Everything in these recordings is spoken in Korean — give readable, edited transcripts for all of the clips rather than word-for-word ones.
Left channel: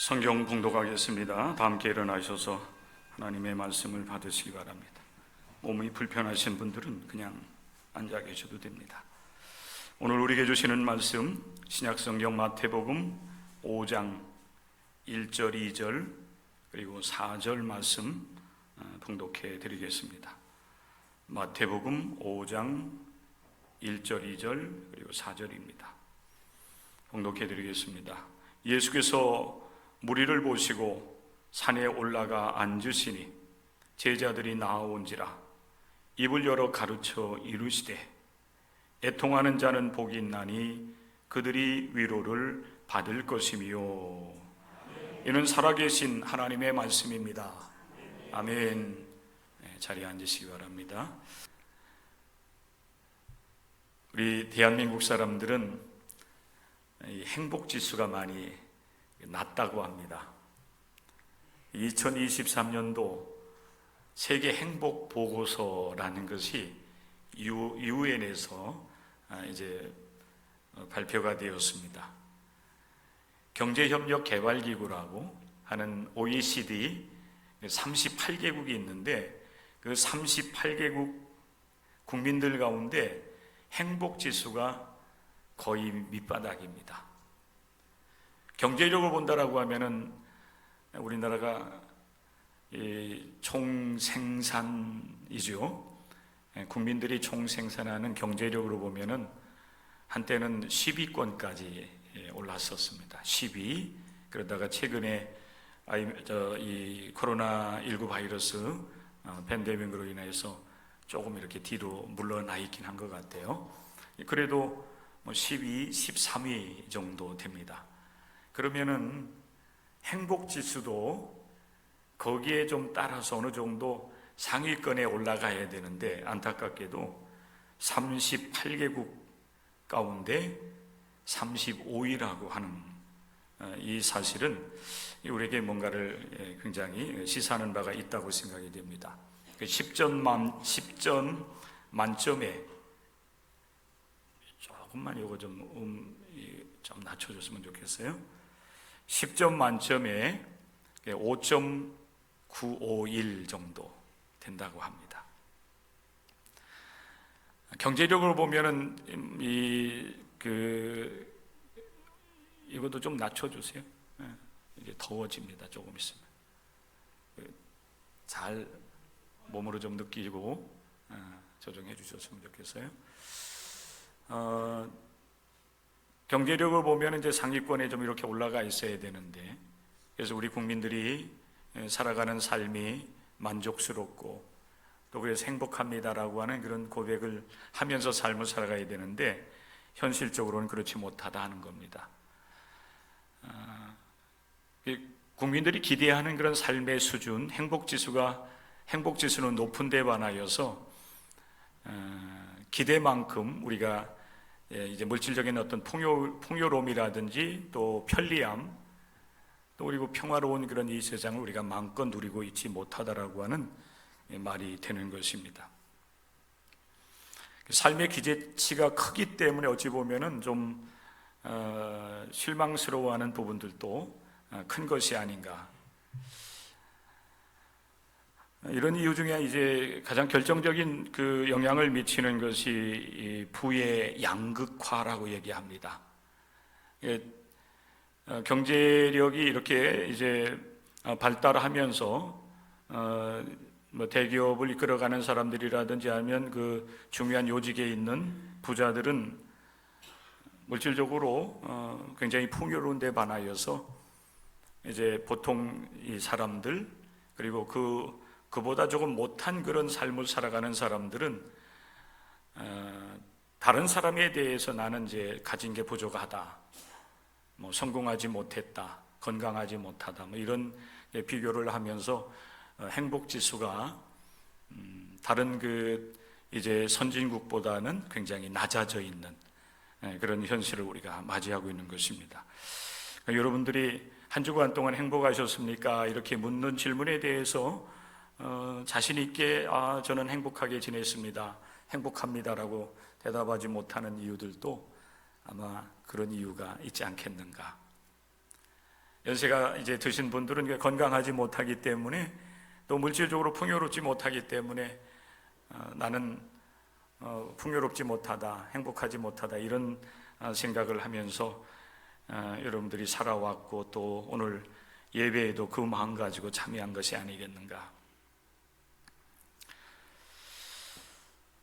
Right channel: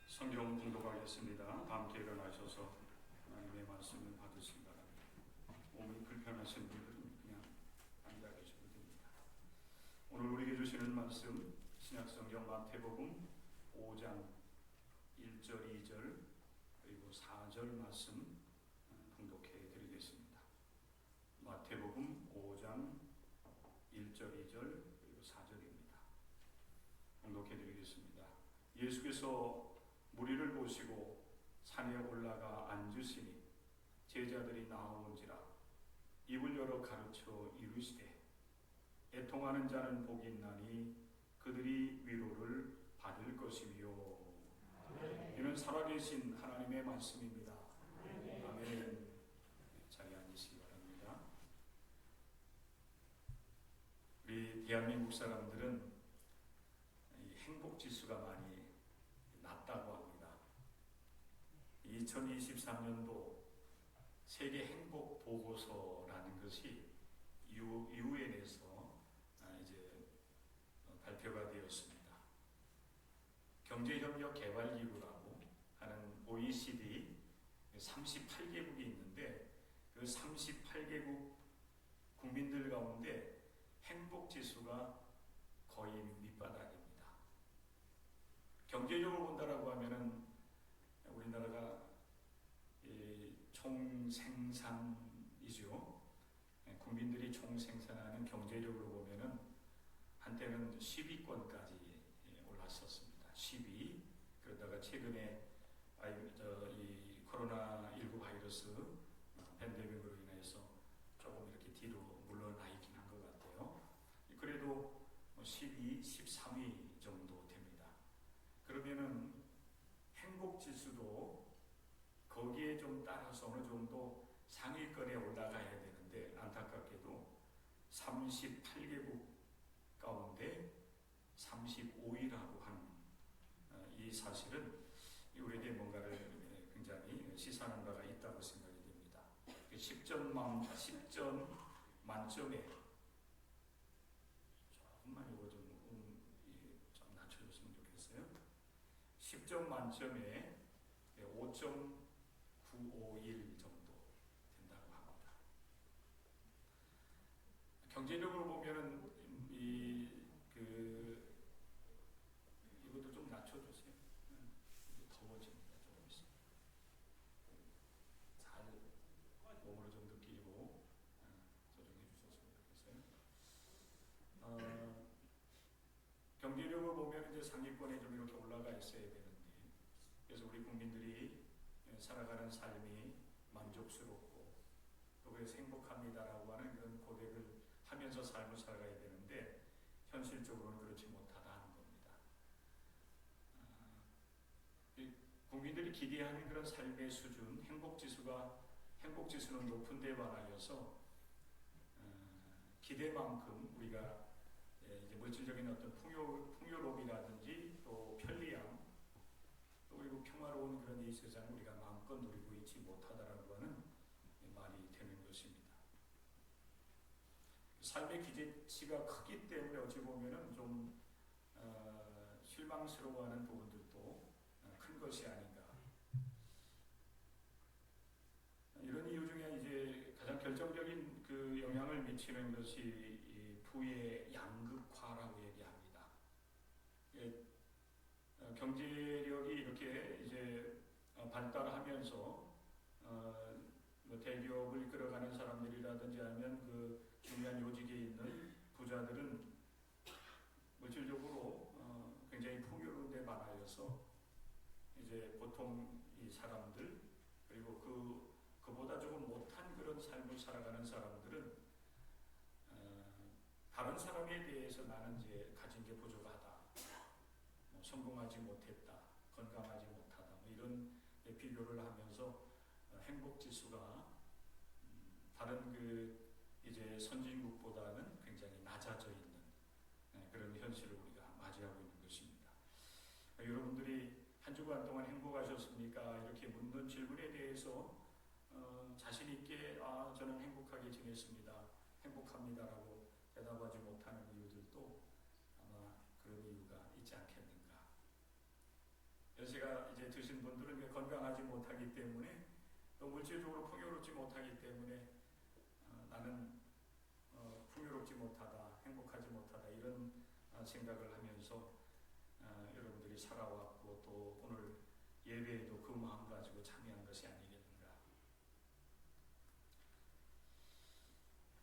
성경 봉독하겠습니다. 다 함께 일어나셔서 하나님의 말씀을 받으시기 바랍니다. 몸이 불편하신 분들은 그냥 앉아 계셔도 됩니다. 오늘 우리에게 주시는 말씀, 신약성경 마태복음 5장 1절, 2절 그리고 4절 말씀 봉독해 드리겠습니다. 마태복음 5장 1절, 2절 그리고 4절입니다. 봉독해 드리겠습니다. 예수께서 무리를 보시고 산에 올라가 앉으시니 제자들이 나아온지라 입을 열어 가르쳐 이르시되 애통하는 자는 복이 있나니 그들이 위로를 받을 것이며. 이는 살아계신 하나님의 말씀입니다. 아멘. 자리에 앉으시기 바랍니다. 우리 대한민국 사람들은 행복지수가 많이 낮다고 합니다. 2023년도 세계 행복 보고서라는 것이 유엔에서 이제 발표가 되었습니다. 경제협력개발기구라고 하는 OECD 38개국이 있는데 그 38개국 국민들 가운데 행복지수가 거의 밑바닥입니다. 경제력을 본다라고 하면은 우리나라가 총생산이죠. 국민들이 총생산하는 경제력으로 보면은 한때는 10위권까지 올랐었습니다. 10위. 그러다가 최근에 이 코로나19 바이러스 팬데믹으로 인해서 조금 이렇게 뒤로 물러나 있긴 한 것 같아요. 그래도 12, 13위 정도 됩니다. 그러면은 행복지수도 거기에 좀 따라서 어느 정도 상위권에 올라가야 되는데 안타깝게도 38개국 가운데 35위라고 하는 이 사실은 우리에게 뭔가를 굉장히 시사하는 바가 있다고 생각이 됩니다. 10점 만점에 조금만 이거 좀 낮춰줬으면 좋겠어요. 10점 만점에 5.951 정도 된다고 합니다. 경제력으로 보면은 이것도 좀 낮춰주세요. 이제 더워집니다. 조금 있으면 잘 몸으로 좀 느끼고 조정해 주셨으면 좋겠어요. 경제력을 보면 이제 상위권에 좀 이렇게 올라가 있어야 되는데, 그래서 우리 국민들이 살아가는 삶이 만족스럽고 또 그래서 행복합니다라고 하는 그런 고백을 하면서 삶을 살아가야 되는데 현실적으로는 그렇지 못하다 하는 겁니다. 국민들이 기대하는 그런 삶의 수준, 행복지수는 높은 데 반하여서 기대만큼 우리가 이제 물질적인 어떤 풍요로움이라든지 또 편리함 또 그리고 평화로운 그런 이 세상을 우리가 마음껏 누리고 있지 못하다라고 하는 말이 되는 것입니다. 삶의 기대치가 크기 때문에 어찌 보면은 좀 실망스러워하는 부분들도 큰 것이 아닌가. 이런 이유 중에 이제 가장 결정적인 그 영향을 미치는 것이 이 부의 양극화라고 얘기합니다. 경제력이 이렇게 이제 발달하면서 뭐 대기업을 이끌어가는 사람들이라든지 하면 그 중요한 요직에 있는 부자들은 물질적으로 굉장히 풍요로운 데 반하여서 이제 보통 이 사람들 그리고 그보다 조금 못한 그런 삶을 살아가는 사람들은 다른 사람에 대해서 나는 이제 가진 게 부족하다, 뭐 성공하지 못했다, 건강하지 못하다, 뭐 이런 비교를 하면서 행복지수가 다른 그 이제 선진국보다는 굉장히 낮아져 있는 그런 현실을 우리가 맞이하고 있는 것입니다. 그러니까 여러분들이 한 주간 동안 행복하셨습니까? 이렇게 묻는 질문에 대해서 자신 있게 저는 행복하게 지냈습니다, 행복합니다라고 대답하지 못하는 이유들도 아마 그런 이유가 있지 않겠는가. 연세가 이제 드신 분들은 건강하지 못하기 때문에, 또 물질적으로 풍요롭지 못하기 때문에 나는 풍요롭지 못하다, 행복하지 못하다, 이런 생각을 하면서 여러분들이 살아왔고, 또 오늘 예배에도 그 마음 가지고 참여한 것이 아니겠는가.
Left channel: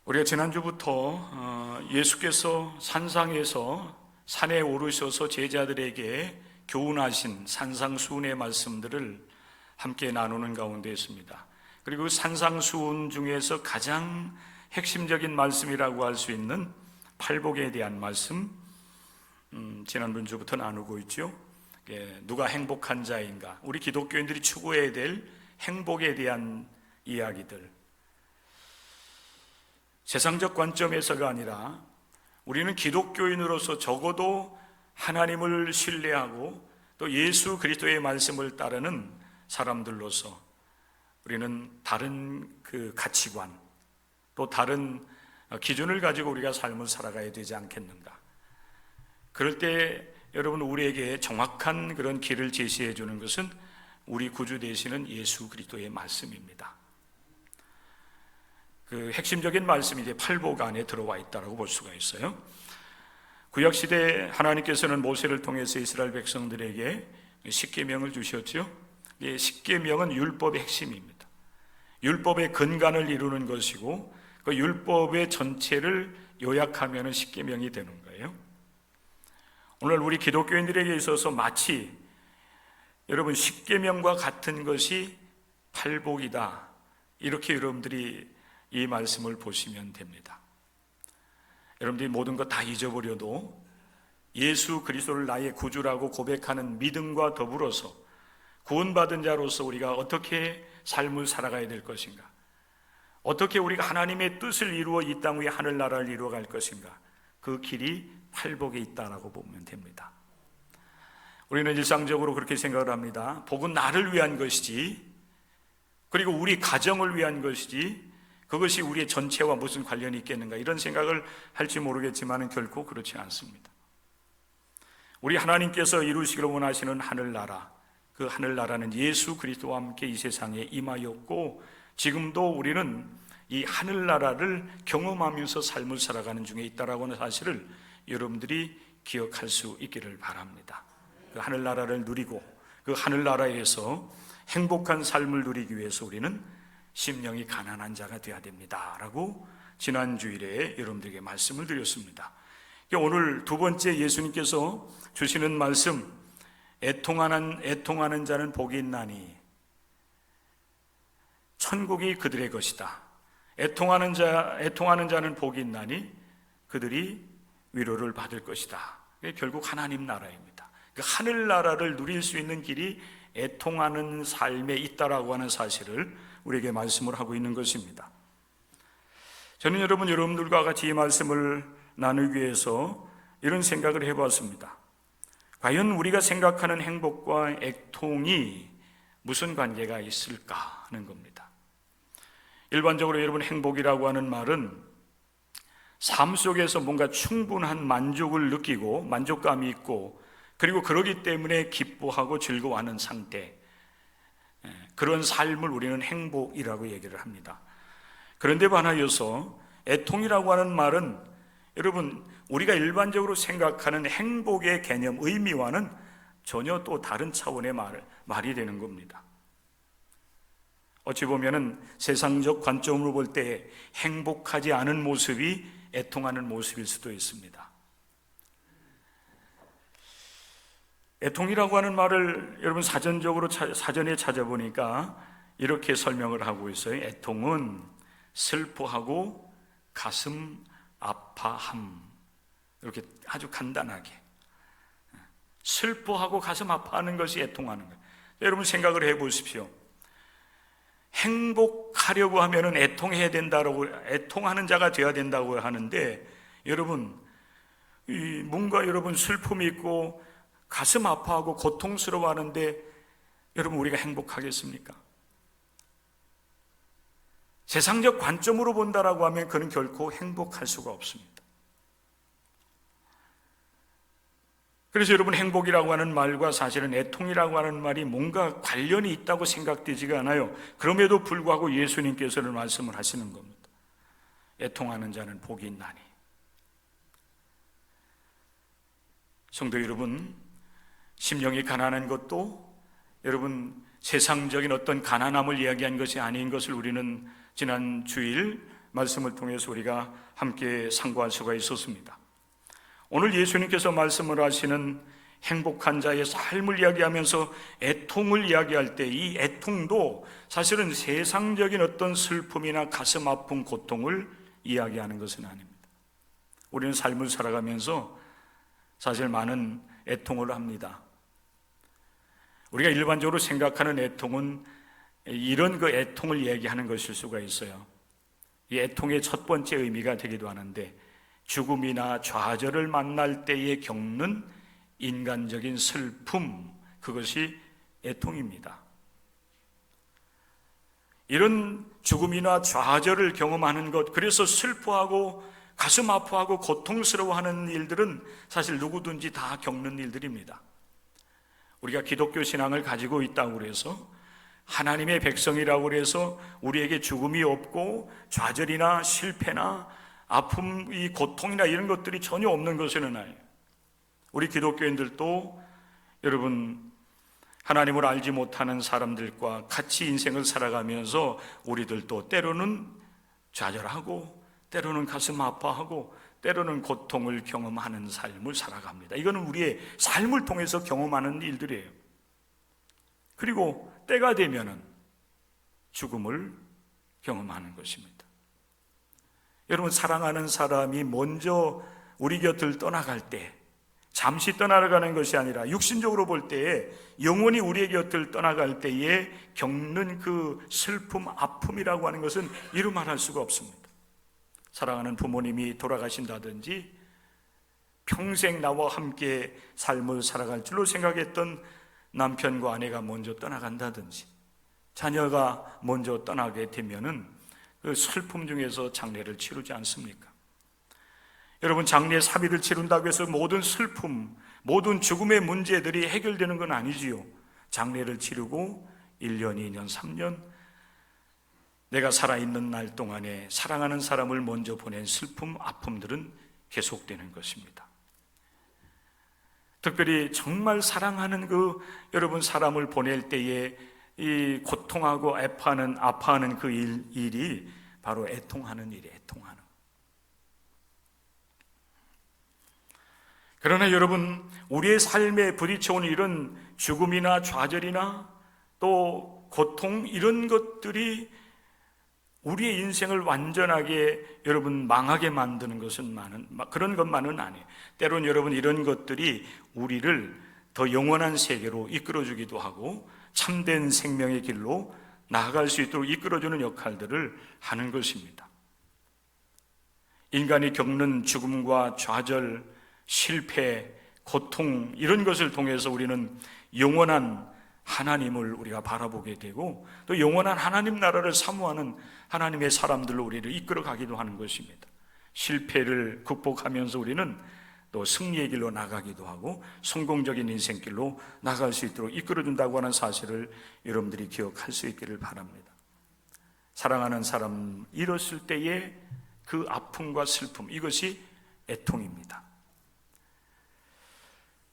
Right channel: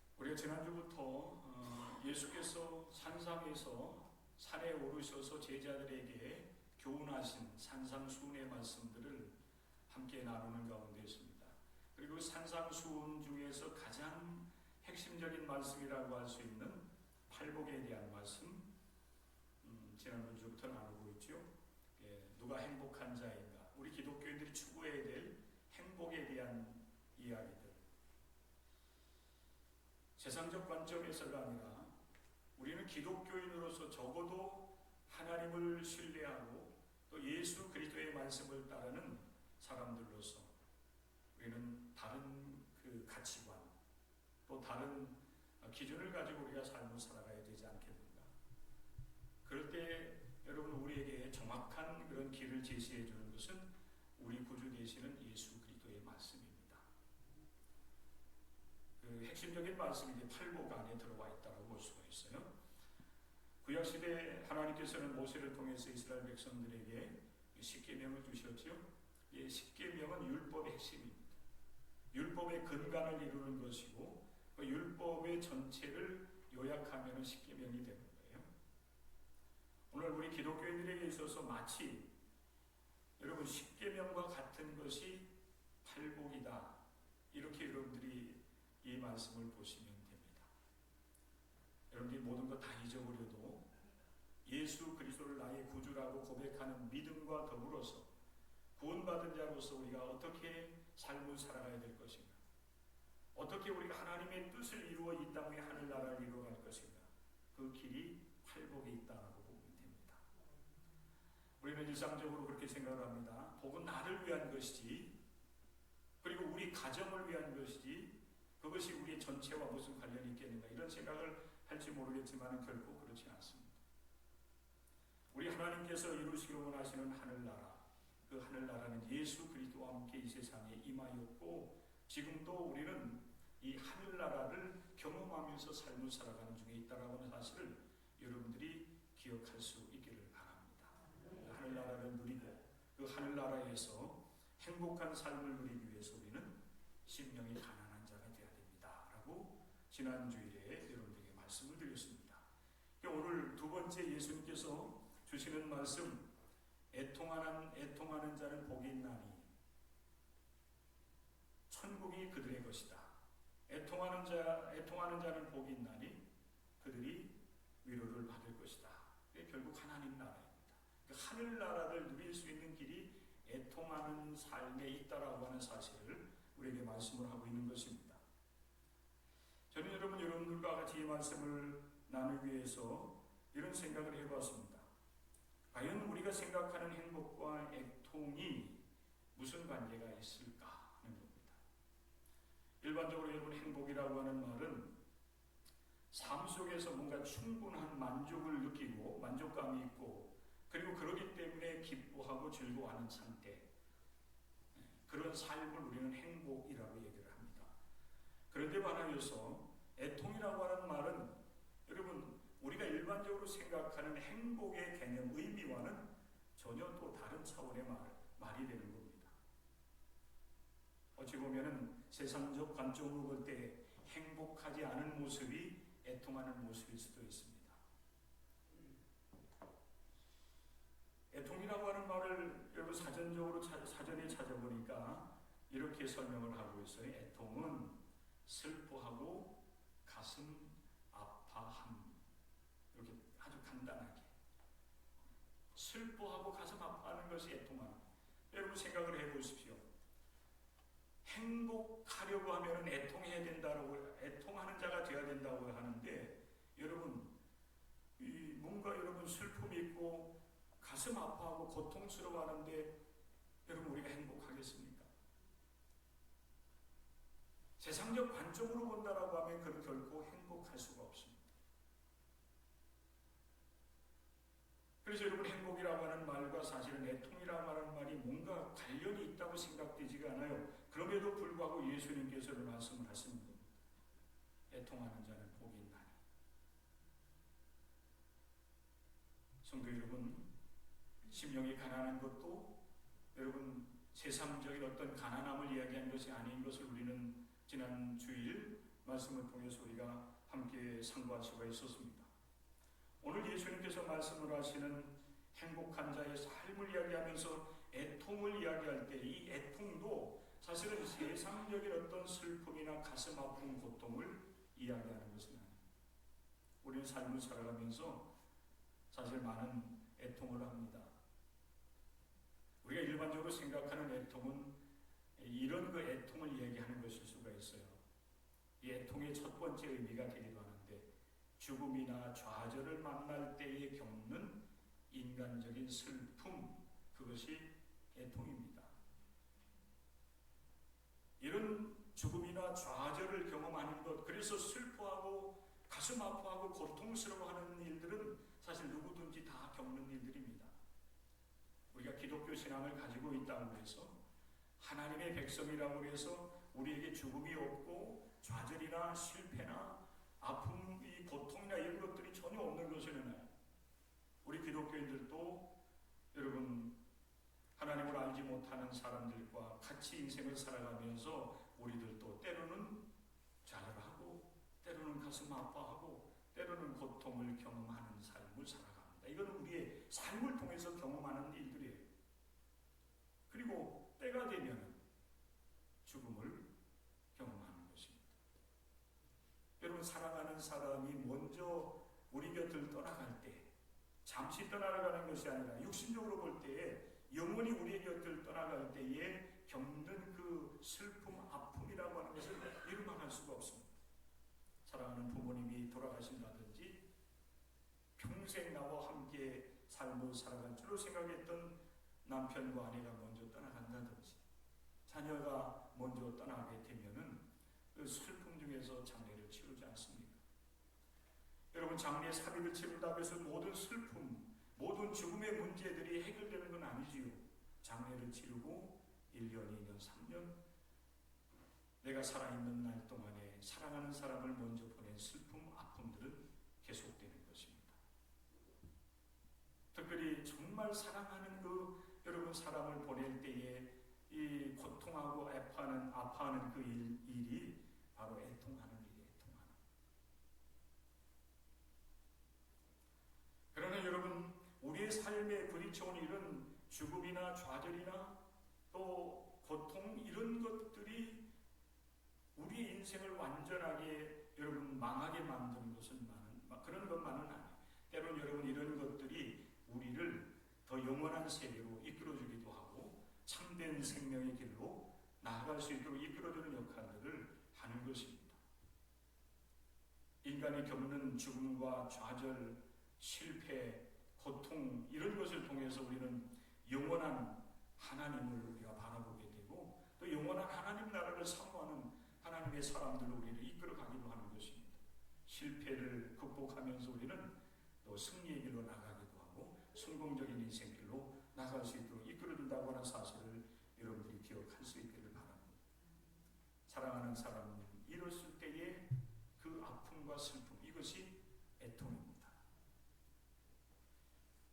우리가 지난주부터 예수께서 산상에서 산에 오르셔서 제자들에게 교훈하신 산상수훈의 말씀들을 함께 나누는 가운데 있습니다. 그리고 산상수훈 중에서 가장 핵심적인 말씀이라고 할 수 있는 팔복에 대한 말씀, 지난주부터 나누고 있죠. 누가 행복한 자인가, 우리 기독교인들이 추구해야 될 행복에 대한 이야기들, 세상적 관점에서가 아니라 우리는 기독교인으로서 적어도 하나님을 신뢰하고 또 예수 그리스도의 말씀을 따르는 사람들로서 우리는 다른 그 가치관, 또 다른 기준을 가지고 우리가 삶을 살아가야 되지 않겠는가. 그럴 때 여러분, 우리에게 정확한 그런 길을 제시해 주는 것은 우리 구주 되시는 예수 그리스도의 말씀입니다. 그 핵심적인 말씀이 이제 팔복 안에 들어와 있다고 볼 수가 있어요. 구약시대 하나님께서는 모세를 통해서 이스라엘 백성들에게 십계명을 주셨죠. 십계명은 율법의 핵심입니다. 율법의 근간을 이루는 것이고, 그 율법의 전체를 요약하면 십계명이 되는 거예요. 오늘 우리 기독교인들에게 있어서 마치 여러분 십계명과 같은 것이 팔복이다, 이렇게 여러분들이 이 말씀을 보시면 됩니다. 여러분들이 모든 것 다 잊어버려도 예수 그리스도를 나의 구주라고 고백하는 믿음과 더불어서 구원받은 자로서 우리가 어떻게 삶을 살아가야 될 것인가, 어떻게 우리가 하나님의 뜻을 이루어 이 땅 위에 하늘나라를 이루어갈 것인가, 그 길이 팔복에 있다라고 보면 됩니다. 우리는 일상적으로 그렇게 생각을 합니다. 복은 나를 위한 것이지, 그리고 우리 가정을 위한 것이지, 그것이 우리의 전체와 무슨 관련이 있겠는가, 이런 생각을 할지 모르겠지만 결코 그렇지 않습니다. 우리 하나님께서 이루시기를 원하시는 하늘나라, 그 하늘나라는 예수 그리스도와 함께 이 세상에 임하였고, 지금도 우리는 이 하늘나라를 경험하면서 삶을 살아가는 중에 있다라고 하는 사실을 여러분들이 기억할 수 있기를 바랍니다. 그 하늘나라를 누리고 그 하늘나라에서 행복한 삶을 누리기 위해서 우리는 심령이 가난한 자가 되어야 됩니다 라고 지난 주일에 여러분들에게 말씀을 드렸습니다. 오늘 두 번째 예수님께서 주시는 말씀, 애통하는 자는 복이 있나니 천국이 그들의 것이다. 애통하는 자는 복이 있나니 그들이 위로를 받을 것이다. 결국 하나님 나라입니다. 그 하늘나라를 누릴 수 있는 길이 애통하는 삶에 있다라고 하는 사실을 우리에게 말씀을 하고 있는 것입니다. 저는 여러분들과 같이 이 말씀을 나누기 위해서 이런 생각을 해보았습니다. 과연 우리가 생각하는 행복과 애통이 무슨 관계가 있을까 하는 겁니다. 일반적으로 여러분, 행복이라고 하는 말은 삶 속에서 뭔가 충분한 만족을 느끼고 만족감이 있고, 그리고 그러기 때문에 기뻐하고 즐거워하는 상태, 그런 삶을 우리는 행복이라고 얘기를 합니다. 그런데 반하여서 애통이라고 하는 말은 여러분, 우리가 일반적으로 생각하는 행복의 개념, 의미와는 전혀 또 다른 차원의 말이 되는 겁니다. 어찌 보면은 세상적 관점으로 볼 때 행복하지 않은 모습이 애통하는 모습일 수도 있습니다. 애통이라고 하는 말을 여러분 사전에 찾아보니까 이렇게 설명을 하고 있어요. 애통은 슬퍼하고 가슴 아파함. 이렇게 아주 간단하게 슬퍼하고 가슴 아파하는 것이 애통하는 거예요. 여러분 생각을 해보십시오. 행복하려고 하면은 애통해야 된다고, 애통하는 자가 되어야 된다고 하는데, 여러분 뭔가 여러분 슬픔이 있고 가슴 아파하고 고통스러워하는데 여러분 우리가 행복하겠습니까? 세상적 관점으로 본다라고 하면 그는 결코 행복할 수가 없습니다. 그래서 여러분, 행복이라고 하는 말과 사실은 애통이라고 하는 말이 뭔가 관련이 있다고 생각되지가 않아요. 그럼에도 불구하고 예수님께서는 말씀을 하시는 겁니다. 애통하는 자는 복이 있나니. 성도 여러분, 심령이 가난한 것도 여러분 세상적인 어떤 가난함을 이야기한 것이 아닌 것을 우리는 지난 주일 말씀을 통해서 우리가 함께 상고할 수가 있었습니다. 오늘 예수님께서 말씀을 하시는 행복한 자의 삶을 이야기하면서 애통을 이야기할 때 이 애통도 사실은 세상적인 어떤 슬픔이나 가슴 아픈 고통을 이야기하는 것은 아닙니다. 우리는 삶을 살아가면서 사실 많은 애통을 합니다. 우리가 일반적으로 생각하는 애통은 이런 그 애통을 얘기하는 것일 수가 있어요. 이 애통의 첫 번째 의미가 되기도 하는데, 죽음이나 좌절을 만날 때에 겪는 인간적인 슬픔, 그것이 애통입니다. 이런 죽음이나 좌절을 경험하는 것, 그래서 슬퍼하고 가슴 아파하고 고통스러워하는 일들은 사실 누구든지 다 겪는 일들입니다. 우리가 기독교 신앙을 가지고 있다고 해서, 하나님의 백성이라고 해서 우리에게 죽음이 없고 좌절이나 실패나 아픔, 이 고통이나 이런 것들이 전혀 없는 것은 아니에요. 우리 기독교인들도 여러분, 하나님을 알지 못하는 사람들과 같이 인생을 살아가면서 우리들도 때로는 좌절하고 때로는 가슴 아파하고 때로는 고통을 경험하는 삶을 살아갑니다. 이거는 우리의 삶을 통해서 경험하는 일들이에요. 그리고 때가 되면은 죽음을 경험하는 것입니다. 여러분, 사랑하는 사람이 먼저 우리 곁을 떠나갈 때, 잠시 떠나가는 것이 아니라 육신적으로 볼 때에 영원히 우리의 곁을 떠나갈 때에 겪는 그 슬픔, 아픔이라고 하는 것은 이루 말할 수가 없습니다. 사랑하는 부모님이 돌아가신다든지, 평생 나와 함께 삶을 살아갈 줄로 생각했던 남편과 아내가 먼저 떠나간다든지, 자녀가 먼저 떠나게 되면은 그 슬픔 중에서 장례를 치르지 않습니까? 여러분, 장례 사비를 치른다고 해서 모든 슬픔, 모든 죽음의 문제들이 해결되는 건 아니지요. 장례를 치르고 1년, 2년, 3년 내가 살아있는 날 동안에 사랑하는 사람을 먼저 보낸 슬픔, 아픔들은 계속되는 것입니다. 특별히 정말 사랑하는 그 여러분 사람을 보낼 때에 이 고통하고 아파하는 그 일이 바로 애통하는 일이에요. 애통하는. 그러나 여러분, 우리의 삶에 부딪혀오는 이런 죽음이나 좌절이나 또 고통, 이런 것들이 우리의 인생을 완전하게 여러분 망하게 만드는 것은 그런 것만은 아니에요. 때론 여러분, 이런 것들이 우리를 더 영원한 세계로 이끌어주기도 하고 참된 생명의 길로 나아갈 수 있도록 이끌어주는 역할들을 하는 것입니다. 인간이 겪는 죽음과 좌절, 실패, 고통, 이런 것을 통해서 우리는 영원한 하나님을 우리가 바라보게 되고 또 영원한 하나님 나라를 사모하는 하나님의 사람들로 우리를 이끌어 가기도 하는 것입니다. 실패를 극복하면서 우리는 또 승리의 길로 나가기도 하고 성공적인 인생길로 나갈 수 있도록 이끌어준다고 하는 사실을 여러분들이 기억할 수 있기를 바랍니다. 사랑하는 사람 잃었을 때의 그 아픔과 슬픔, 이것이 애통입니다.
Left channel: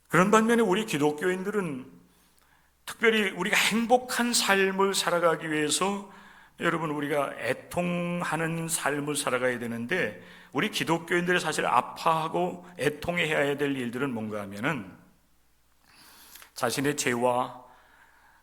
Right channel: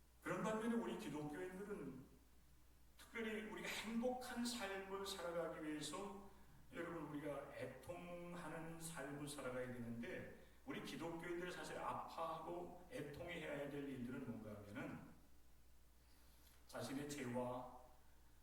그런 반면에 우리 기독교인들은 특별히 우리가 행복한 삶을 살아가기 위해서 여러분, 우리가 애통하는 삶을 살아가야 되는데, 우리 기독교인들이 사실 아파하고 애통해야 될 일들은 뭔가 하면은 자신의 죄와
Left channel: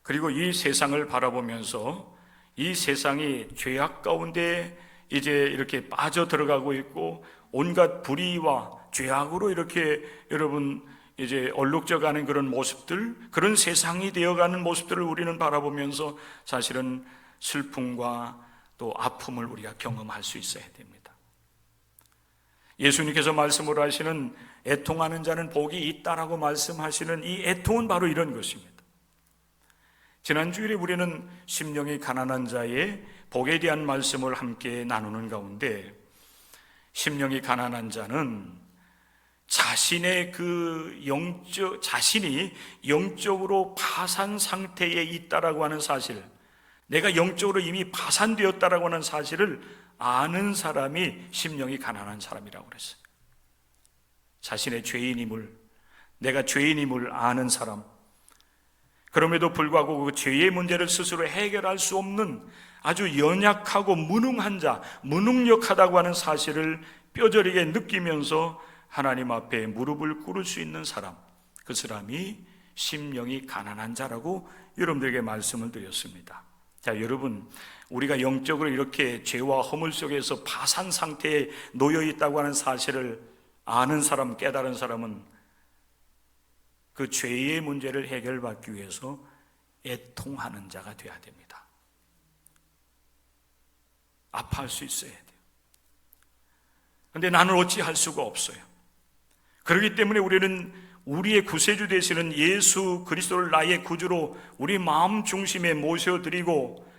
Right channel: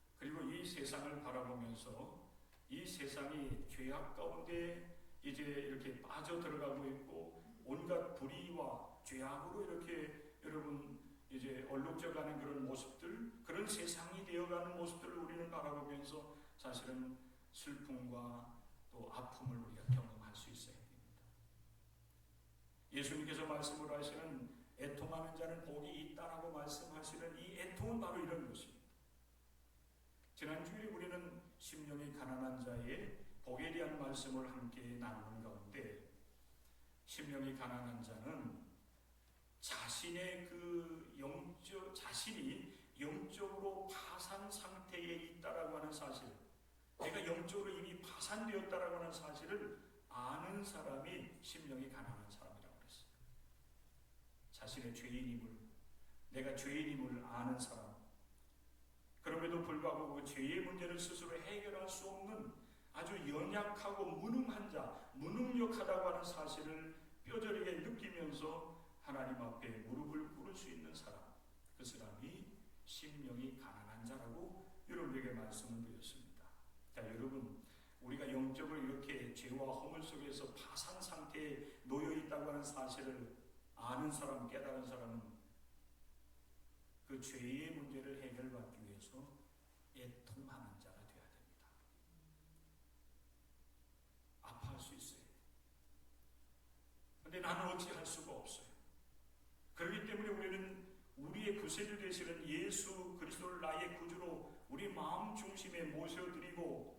그리고 이 세상을 바라보면서 이 세상이 죄악 가운데 이제 이렇게 빠져 들어가고 있고 온갖 불의와 죄악으로 이렇게 여러분 이제 얼룩져가는 그런 모습들, 그런 세상이 되어가는 모습들을 우리는 바라보면서 사실은 슬픔과 또 아픔을 우리가 경험할 수 있어야 됩니다. 예수님께서 말씀을 하시는 애통하는 자는 복이 있다라고 말씀하시는 이 애통은 바로 이런 것입니다. 지난주일에 우리는 심령이 가난한 자의 복에 대한 말씀을 함께 나누는 가운데, 심령이 가난한 자는 자신의 자신이 영적으로 파산 상태에 있다라고 하는 사실, 내가 영적으로 이미 파산되었다라고 하는 사실을 아는 사람이 심령이 가난한 사람이라고 그랬어요. 자신의 내가 죄인임을 아는 사람, 그럼에도 불구하고 그 죄의 문제를 스스로 해결할 수 없는 아주 연약하고 무능한 자, 무능력하다고 하는 사실을 뼈저리게 느끼면서 하나님 앞에 무릎을 꿇을 수 있는 사람, 그 사람이 심령이 가난한 자라고 여러분들에게 말씀을 드렸습니다. 자, 여러분, 우리가 영적으로 이렇게 죄와 허물 속에서 파산 상태에 놓여 있다고 하는 사실을 아는 사람, 깨달은 사람은 그 죄의 문제를 해결받기 위해서 애통하는 자가 되어야 됩니다. 아파할 수 있어야 돼요. 그런데 나는 어찌할 수가 없어요. 그렇기 때문에 우리는 우리의 구세주 되시는 예수 그리스도를 나의 구주로 우리 마음 중심에 모셔드리고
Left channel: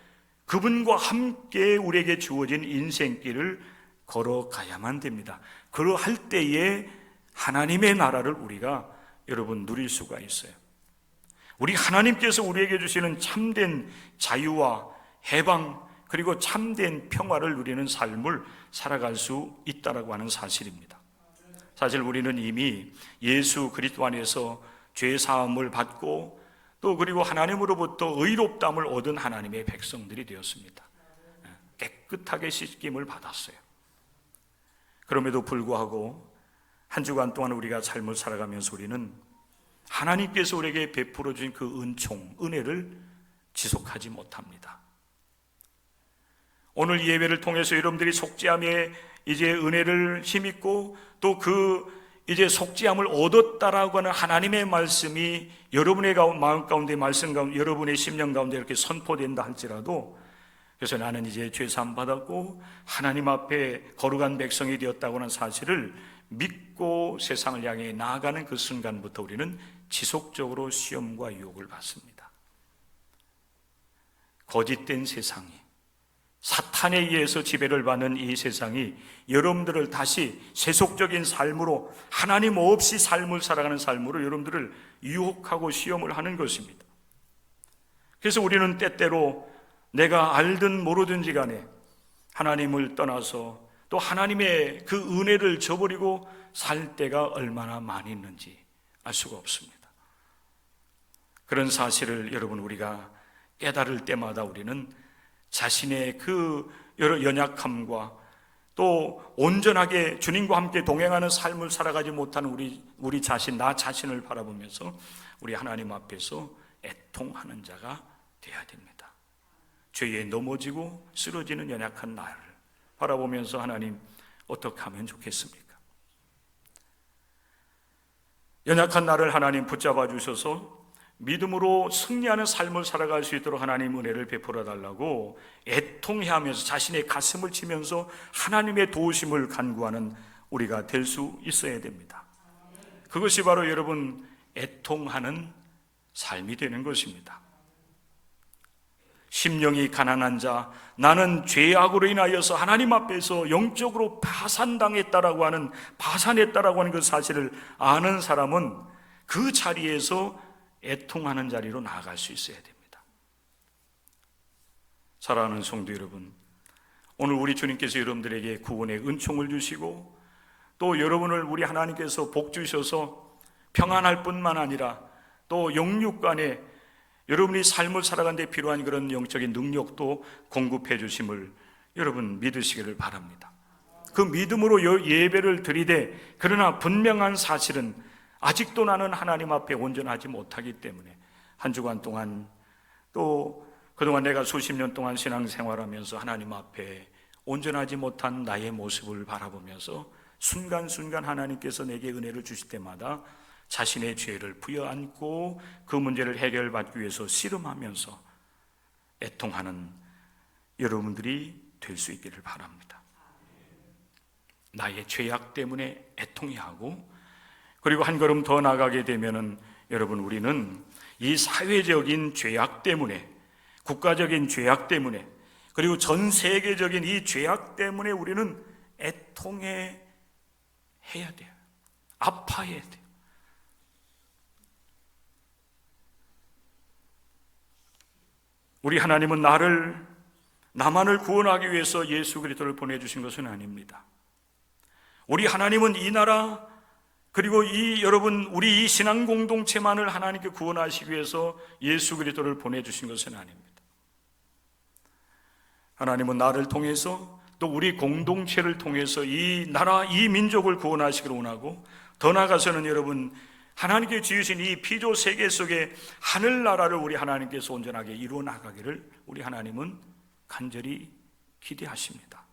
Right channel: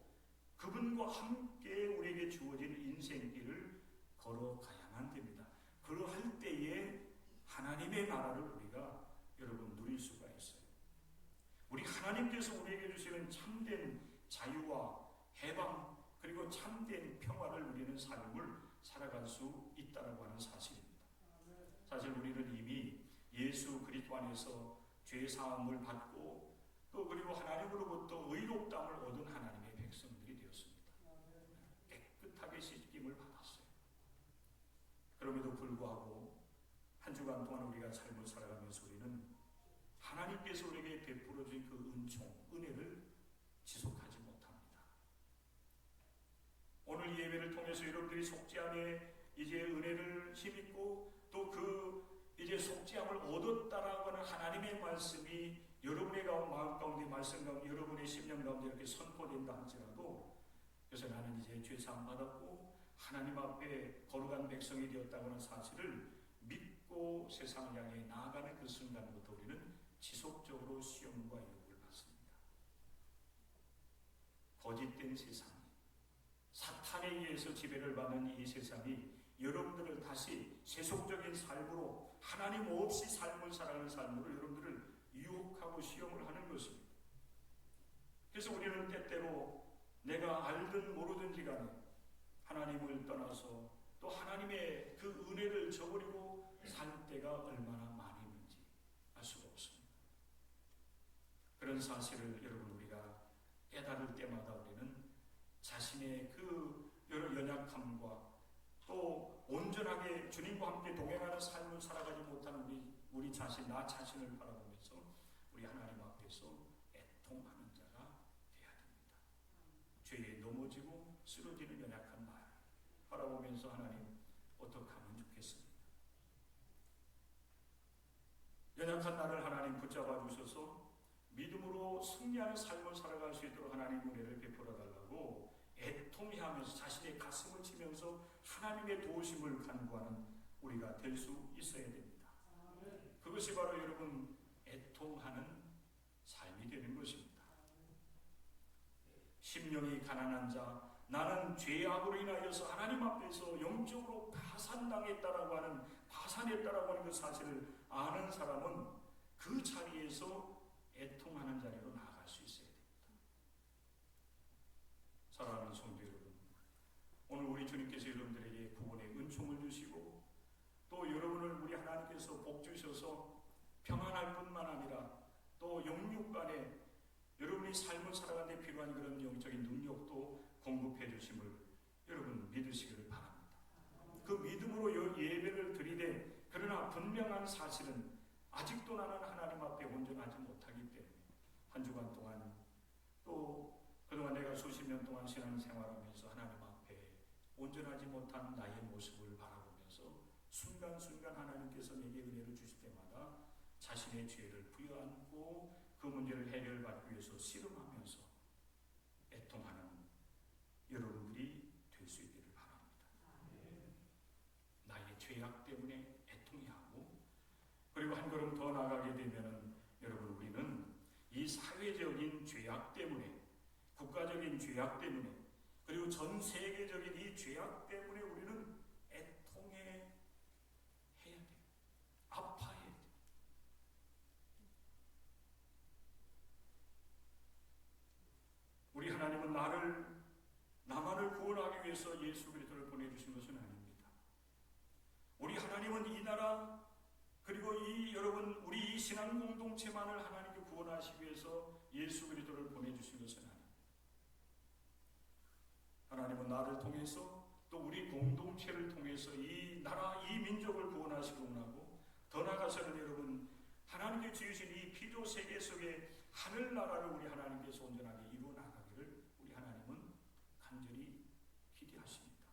그분과 함께 우리에게 주어진 인생길을 걸어가야만 됩니다. 그러할 때에 하나님의 나라를 우리가 여러분 누릴 수가 있어요. 우리 하나님께서 우리에게 주시는 참된 자유와 해방, 그리고 참된 평화를 누리는 삶을 살아갈 수 있다라고 하는 사실입니다. 사실 우리는 이미 예수 그리스도 안에서 죄 사함을 받고 또 그리고 하나님으로부터 의롭다함을 얻은 하나님의 백성들이 되었습니다. 깨끗하게 씻김을 받았어요. 그럼에도 불구하고 한 주간 동안 우리가 삶을 살아가면서 우리는 하나님께서 우리에게 베풀어 주신 그 은혜를 지속하지 못합니다. 오늘 예배를 통해서 여러분들이 속죄함에 이제 은혜를 힘입고 또 이제 속죄함을 얻었다라고 하는 하나님의 말씀이 여러분의 마음 가운데, 말씀 가운데, 여러분의 심령 가운데 이렇게 선포된다 할지라도, 그래서 나는 이제 죄사함 받았고 하나님 앞에 거룩한 백성이 되었다고 하는 사실을 믿고 세상을 향해 나아가는 그 순간부터 우리는 지속적으로 시험과 유혹을 받습니다. 거짓된 세상이, 사탄에 의해서 지배를 받는 이 세상이 여러분들을 다시 세속적인 삶으로, 하나님 없이 삶을 살아가는 삶으로 여러분들을 유혹하고 시험을 하는 것입니다. 그래서 우리는 때때로 내가 알든 모르든지 간에 하나님을 떠나서 또 하나님의 그 은혜를 저버리고 살 때가 얼마나 많이 있는지 알 수가 없습니다. 그런 사실을 여러분 우리가 깨달을 때마다 우리는 자신의 그 여러 연약함과 또 온전하게 주님과 함께 동행하는 삶을 살아가지 못하는 우리 자신, 나 자신을 바라보면서 우리 하나님 앞에서 애통하는 자가 되어야 됩니다. 죄에 넘어지고 쓰러지는 연약한 나를 바라보면서 하나님 어떻게 하면 좋겠습니까? 연약한 나를 하나님 붙잡아 주셔서 믿음으로 승리하는 삶을 살아갈 수 있도록 하나님 은혜를 베풀어 달라고 애통해하면서 자신의 가슴을 치면서 하나님의 도우심을 간구하는 우리가 될 수 있어야 됩니다. 그것이 바로 여러분 애통하는 삶이 되는 것입니다. 심령이 가난한 자, 나는 죄악으로 인하여서 하나님 앞에서 영적으로 파산당했다라고 하는, 파산했다라고 하는 그 사실을 아는 사람은 그 자리에서 애통하는 자리로 나아갈 수 있어야 됩니다. 사랑하는 성도 여러분, 오늘 우리 주님께서 여러분들에게 구원의 은총을 주시고 또 여러분을 우리 하나님께서 복 주셔서 평안할 뿐만 아니라 또 영육간에 여러분이 삶을 살아가는 데 필요한 그런 영적인 능력도 공급해 주심을 여러분 믿으시기를 바랍니다. 그 믿음으로 예배를 드리되, 그러나 분명한 사실은 아직도 나는 하나님 앞에 온전하지 못하기 때문에 한 주간 동안 또 그동안 내가 수십 년 동안 신앙생활하면서 하나님 앞에 온전하지 못한 나의 모습을 바라보면서 순간순간 하나님께서 내게 은혜를 주실 때마다 자신의 죄를 부여안고 그 문제를 해결받기 위해서 씨름하면서 애통하는 여러분들이 될 수 있기를 바랍니다. 나의 죄악 때문에 애통해하고, 그리고 한 걸음 더 나가게 되면은 여러분 우리는 이 사회적인 죄악 때문에, 국가적인 죄악 때문에, 그리고 전 세계적인 이 죄악 때문에 우리는 애통해 해야 돼요. 아파해야 돼요. 우리 하나님은 나만을 구원하기 위해서 예수 그리스도를 보내주신 것은 아닙니다. 우리 하나님은 이 나라, 그리고 여러분 우리 이 신앙 공동체만을 하나님께 구원하시기 위해서 예수 그리스도를 보내주신 것은 아닙니다. 하나님은 나를 통해서 또 우리 공동체를 통해서 이 나라, 이 민족을 구원하시기를 원하고, 더 나아가서는 여러분 하나님께 지으신 이 피조 세계 속에 하늘나라를 우리 하나님께서 온전하게 이루어 나가기를 우리 하나님은 간절히 기대하십니다.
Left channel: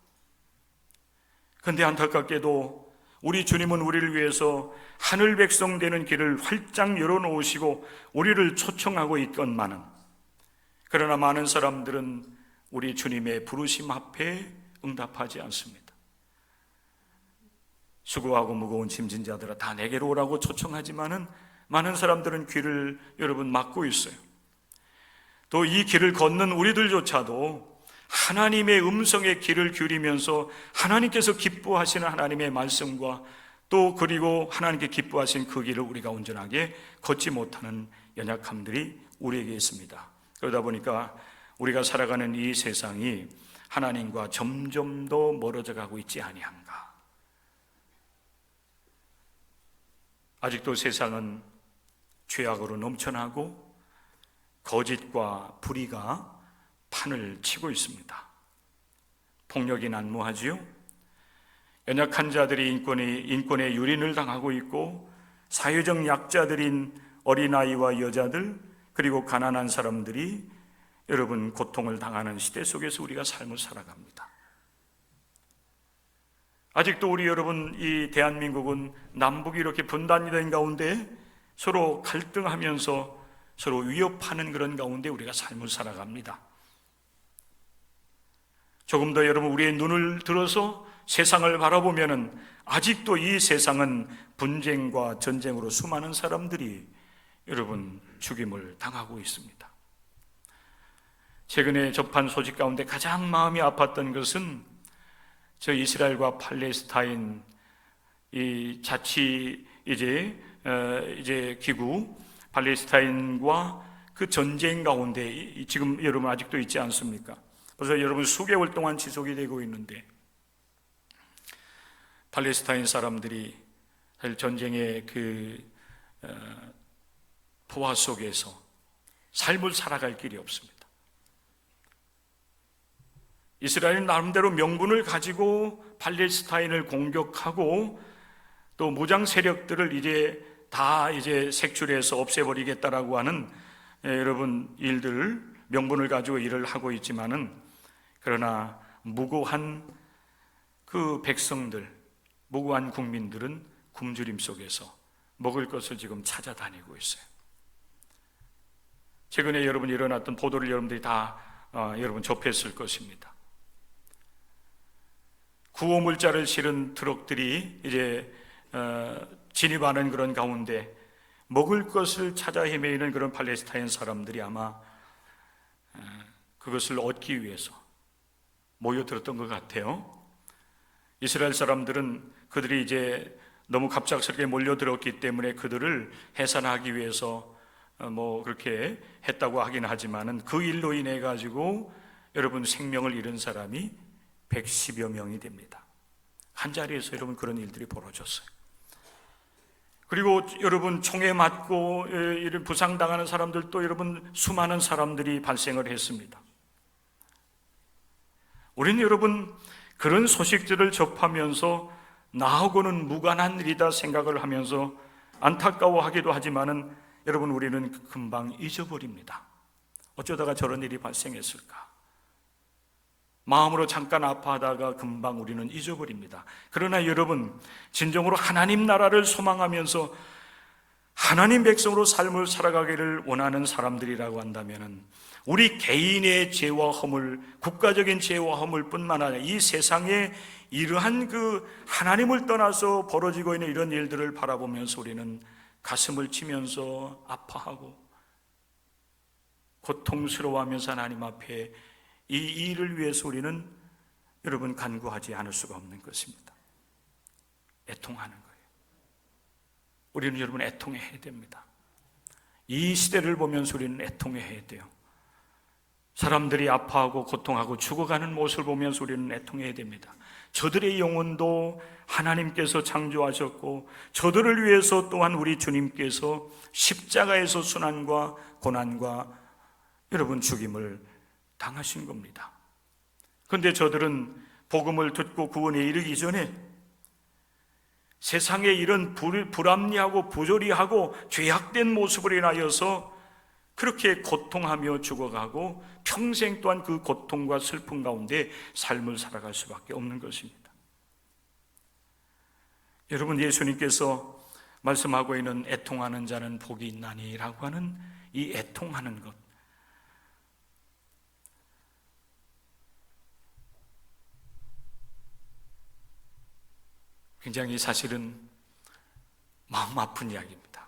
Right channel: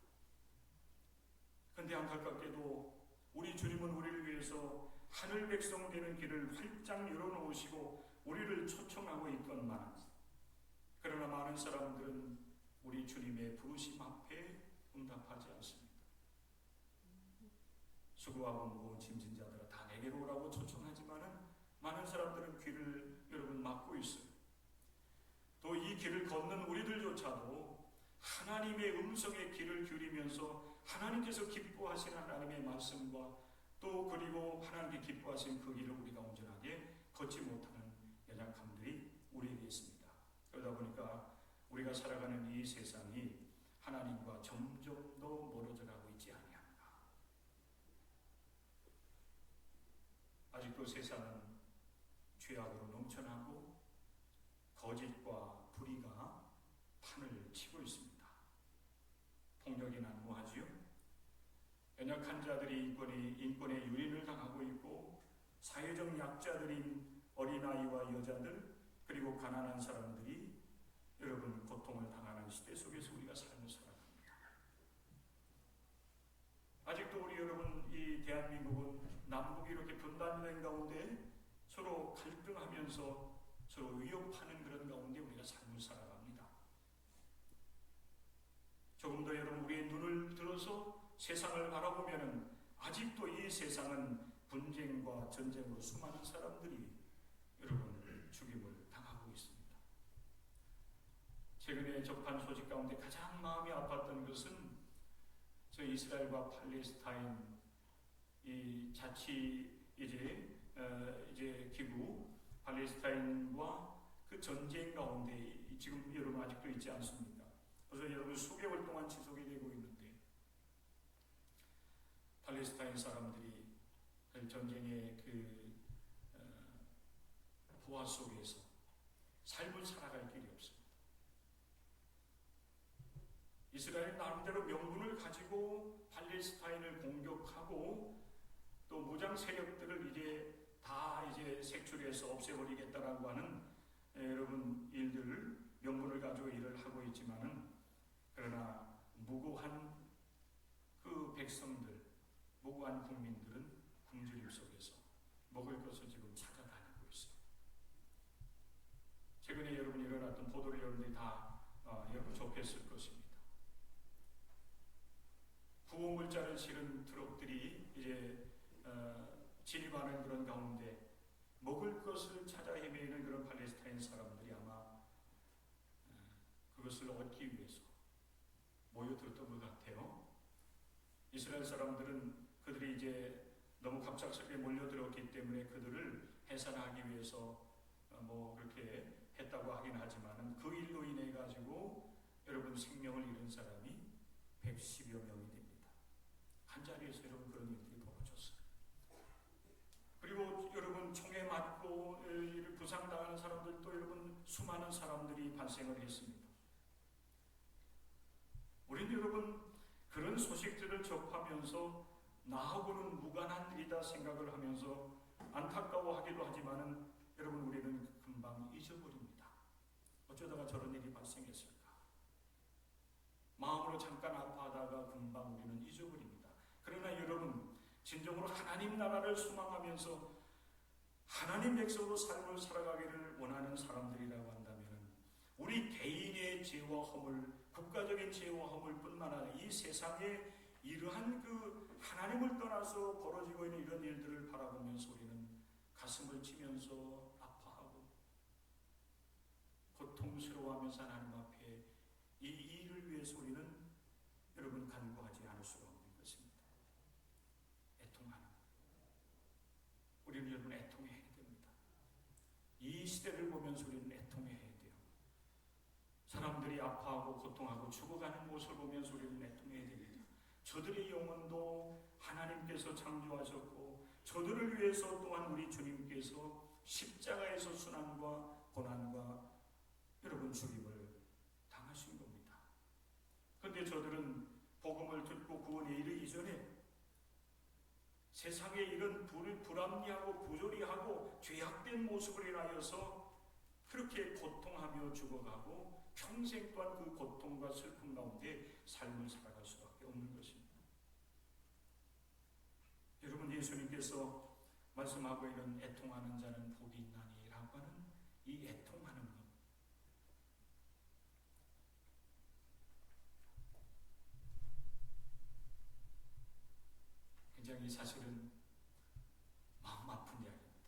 그런데 안타깝게도 우리 주님은 우리를 위해서 하늘 백성 되는 길을 활짝 열어놓으시고 우리를 초청하고 있건만은, 그러나 많은 사람들은 우리 주님의 부르심 앞에 응답하지 않습니다. 수고하고 무거운 짐진 자들아 다 내게로 오라고 초청하지만은 많은 사람들은 귀를 여러분 막고 있어요. 또 이 길을 걷는 우리들조차도 하나님의 음성에 귀를 기울이면서 하나님께서 기뻐하시는 하나님의 말씀과 또 그리고 하나님께 기뻐하신 그 길을 우리가 온전하게 걷지 못하는 연약함들이 우리에게 있습니다. 그러다 보니까 우리가 살아가는 이 세상이 하나님과 점점 더 멀어져 가고 있지 아니한가. 아직도 세상은 죄악으로 넘쳐나고 거짓과 불의가 판을 치고 있습니다. 폭력이 난무하지요. 연약한 자들이 인권의 유린을 당하고 있고, 사회적 약자들인 어린아이와 여자들, 그리고 가난한 사람들이 여러분 고통을 당하는 시대 속에서 우리가 삶을 살아갑니다. 아직도 우리 여러분 이 대한민국은 남북이 이렇게 분단이 된 가운데 서로 갈등하면서 서로 위협하는 그런 가운데 우리가 삶을 살아갑니다. 조금 더 여러분 우리의 눈을 들어서 세상을 바라보면은 아직도 이 세상은 분쟁과 전쟁으로 수많은 사람들이 여러분 죽임을 당하고 있습니다. 최근에 접한 소식 가운데 가장 마음이 아팠던 것은 저 이스라엘과 팔레스타인 이 자치 이제 기구 팔레스타인과 그 전쟁 가운데 지금 여러분 아직도 있지 않습니까? 벌써 여러분 수개월 동안 지속이 되고 있는데, 팔레스타인 사람들이 전쟁의 그 포화 속에서 삶을 살아갈 길이 없습니다. 이스라엘은 나름대로 명분을 가지고 팔레스타인을 공격하고 또 무장 세력들을 이제 색출해서 없애버리겠다라고 하는 여러분 일들을 명분을 가지고 일을 하고 있지만은, 그러나 무고한 그 백성들, 무고한 국민들은 굶주림 속에서 먹을 것을 지금 찾아다니고 있어요. 최근에 여러분 일어났던 보도를 여러분들이 다 여러분 접했을 것입니다. 구호물자를 실은 트럭들이 이제 진입하는 그런 가운데 먹을 것을 찾아 헤매이는 그런 팔레스타인 사람들이 아마 그것을 얻기 위해서 모여들었던 것 같아요. 이스라엘 사람들은 그들이 이제 너무 갑작스럽게 몰려들었기 때문에 그들을 해산하기 위해서 그렇게 했다고 하긴 하지만은 그 일로 인해 가지고 여러분 생명을 잃은 사람이 110여 명이 됩니다. 한 자리에서 여러분 그런 일들이 벌어졌어요. 그리고 여러분 총에 맞고 이런 부상당하는 사람들도 여러분 수많은 사람들이 발생을 했습니다. 우리는 여러분 그런 소식들을 접하면서 나하고는 무관한 일이다 생각을 하면서 안타까워하기도 하지만은 여러분 우리는 금방 잊어버립니다. 어쩌다가 저런 일이 발생했을까? 마음으로 잠깐 아파하다가 금방 우리는 잊어버립니다. 그러나 여러분 진정으로 하나님 나라를 소망하면서 하나님 백성으로 삶을 살아가기를 원하는 사람들이라고 한다면 우리 개인의 죄와 허물, 국가적인 죄와 허물 뿐만 아니라 이 세상에 이러한 그 하나님을 떠나서 벌어지고 있는 이런 일들을 바라보면서 우리는 가슴을 치면서 아파하고 고통스러워하면서 하나님 앞에 이 일을 위해서 우리는 여러분 간구하지 않을 수가 없는 것입니다. 애통하는 거예요. 우리는 여러분 애통해야 됩니다. 이 시대를 보면서 우리는 애통해야 돼요. 사람들이 아파하고 고통하고 죽어가는 모습을 보면서 우리는 애통해야 됩니다. 저들의 영혼도 하나님께서 창조하셨고 저들을 위해서 또한 우리 주님께서 십자가에서 순환과 고난과 여러분 죽임을 당하신 겁니다. 그런데 저들은 복음을 듣고 구원에 이르기 전에 세상에 이런 불합리하고 부조리하고 죄악된 모습을 인하여서 그렇게 고통하며 죽어가고 평생 또한 그 고통과 슬픔 가운데 삶을 살아갈 수밖에 없는 것입니다. 여러분, 예수님께서 말씀하고 있는 애통하는 자는 복이 있나니 라고 하는 이 애통하는 것, 굉장히 사실은 마음 아픈 이야기입니다.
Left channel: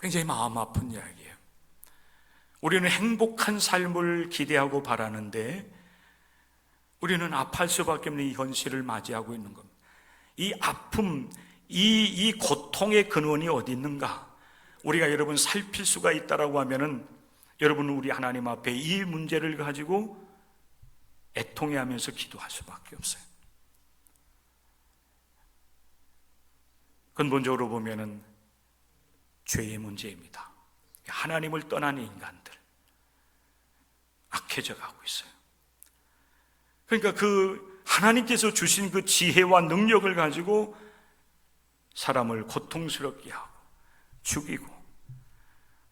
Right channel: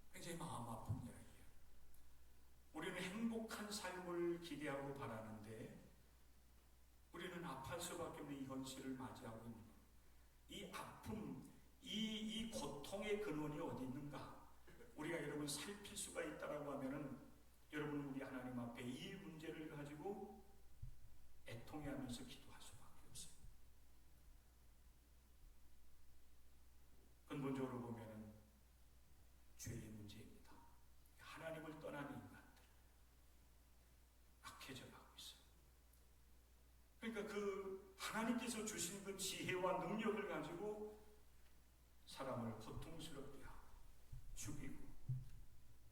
굉장히 마음 아픈 이야기예요. 우리는 행복한 삶을 기대하고 바라는데 우리는 아파할 수밖에 없는 이 현실을 맞이하고 있는 겁니다. 이 아픔, 이 고통의 근원이 어디 있는가? 우리가 여러분 살필 수가 있다라고 하면은 여러분 우리 하나님 앞에 이 문제를 가지고 애통해하면서 기도할 수밖에 없어요. 근본적으로 보면은 죄의 문제입니다. 하나님을 떠난 인간들 악해져 가고 있어요. 그러니까 그 하나님께서 주신 그 지혜와 능력을 가지고 사람을 고통스럽게 하고 죽이고